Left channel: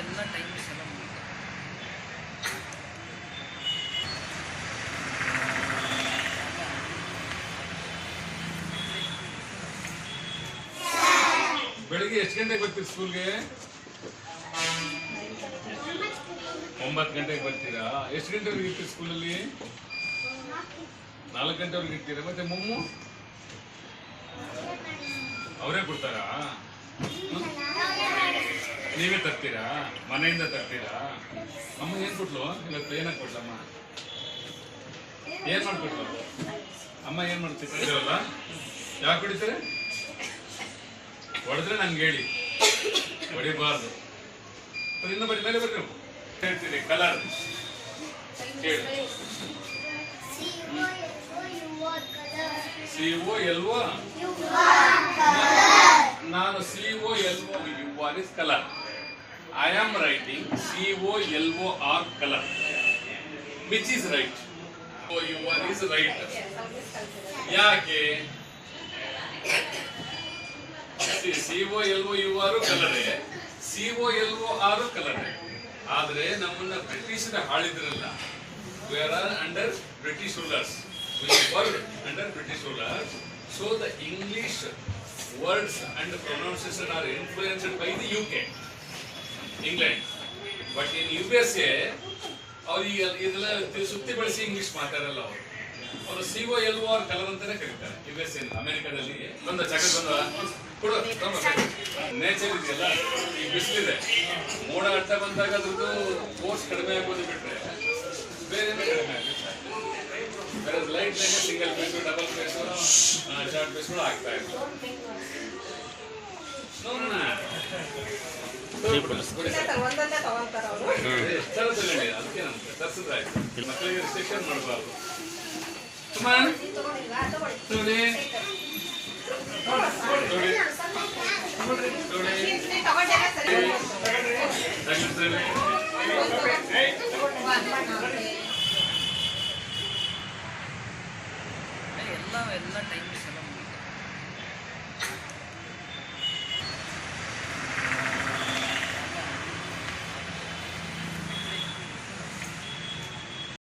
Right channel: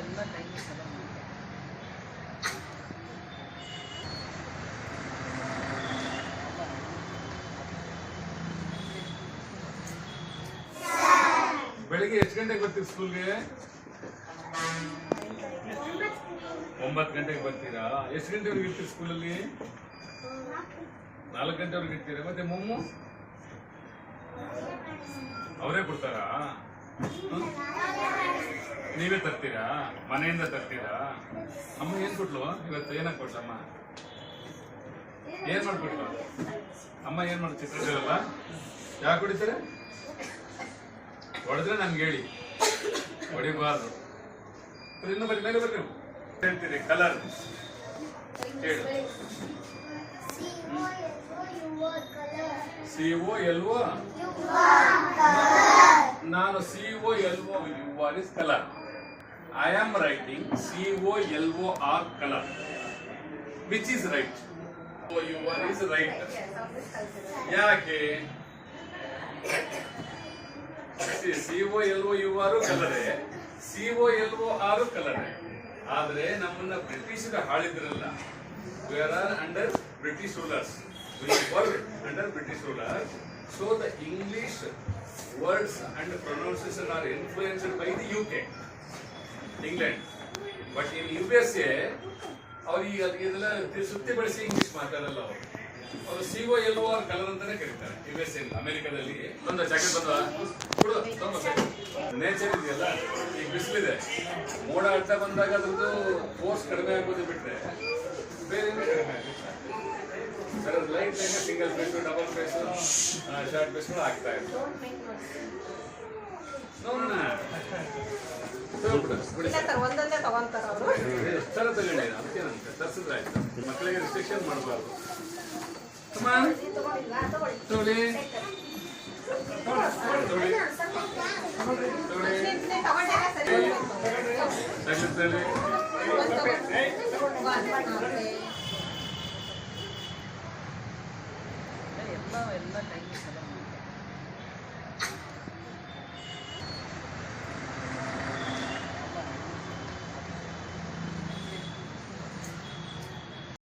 ಎಲ್ಲ ಟೈಮಿಂಗ್ಸ್ ಎಲ್ಲ ಮುಗಿತು. ಬೆಳಿಗ್ಗೆ ಎಷ್ಟು ಗಂಟೆಗೆ ಬರ್ತೀರಿ ಸ್ಕೂಲ್ಗೆ? 9 ಗಂಟೆಗೆ ಬರ್ತೀರಾ? ಎಷ್ಟು ಗಂಟೆವರೆಗೆ ಇರ್ತೀರಿ ಸ್ಕೂಲಲ್ಲಿ? 4 ಗಂಟೆವರೆಗೆ ಇರ್ತೀರಾ? ಮತ್ತೆ ಮೊಮ್ಮು ಅವರೇ ಕೊಡ್ತಾರಾ? ನೀವೇ ತರ್ತೀರಾ? ಮನೆಯಿಂದ ತರ್ತೀರಾ? ಅಮ್ಮ ಏನ್ ಕೊಟ್ಲು ಇವತ್ತು? ಏನಕ್ಕೆ ಕೊಟ್ಲಮ್ಮ? ಏನ್ ಮಾಡ್ಕೊಟ್ಲು ಅಮ್ಮ? ಏನ್ ಮಾಡ್ತಿರಲ್ಲ? ಯಾಕೆ ಹೊಡಿತಾರೆ? ಹೊಡೆದ್ರೆ ನಂಗೆ ಹೇಳಿ, ಹೊಡಿಬಾರ್ದು. ಇನ್ನು ಬರೀ ಮೇಲೆ ಬರ್ರಿ. ಹೇಳ್ತೀರಿ ಕಲರ್ ಹೇಳಿ. COLO ನಾನು COLOUR is color. I am writing COLOR color. Which is right? COLOR is right. ಯಾಕೆ? COLOUR ಕಲರೇ, COLOR ಕಲರೇ. ಆದ್ರೆ ನಮ್ಮನ್ನ ಬ್ರಿಟಿಷರ ಆಳಿದ್ರಲ್ಲ. We are under British rulers. We work under British rulers. So the English words and pronunciation are influenced by the UK, England. But in USA, ಅವರು ಇದೆಲ್ಲ ಸುತ್ತಿ ಬಳಸಿ English ಮಾತಾಡಲ್ಲ. ಅವರು COLOR ಕಲರ್ ಅಂತಾನೆ ಕರೀತಾರೆ. USA ಅಮೆರಿಕದಲ್ಲಿ ಬಂದ ಜಾಕೆಟ್ ಬಂದ ಕೊಡು ನೇಚರ್ ಇದೆಯಲ್ಲ, ಈಗ ಬಿಸಿಲಿದೆ, ಮೋಡ ಅಡ್ಡ ಬಂದಾಗ ಅದ್ರದ್ದು ಫೋರ್ಸ್ ಕಡಿಮೆ ಆಗೋದು ಬಿಟ್ರೆ ಬೇರೆ ಕಡಿಮೆ ಆಗುತ್ತೆ. ಬೇರೆ light line single pace, double pace, short ಪೇಸ್ಗಳು ಆಗ್ತಾ ಇತ್ತು. ಎಷ್ಟರ ತಗೊಂಡಿ ಅದಕ್ಕೇನಂತೆ ತರಿಸಿದ್ರಾಯ್ತು. ಮಕ್ಕಳಿಗೆ ರಿಸ್ಟ್ರಿಕ್ಷನ್ ಮಾಡಬಾರ್ದು. ಎಲ್ಲ ಟೈಮಿಂಗ್ಸ್ ಎಲ್ಲ ಮುಗಿತು.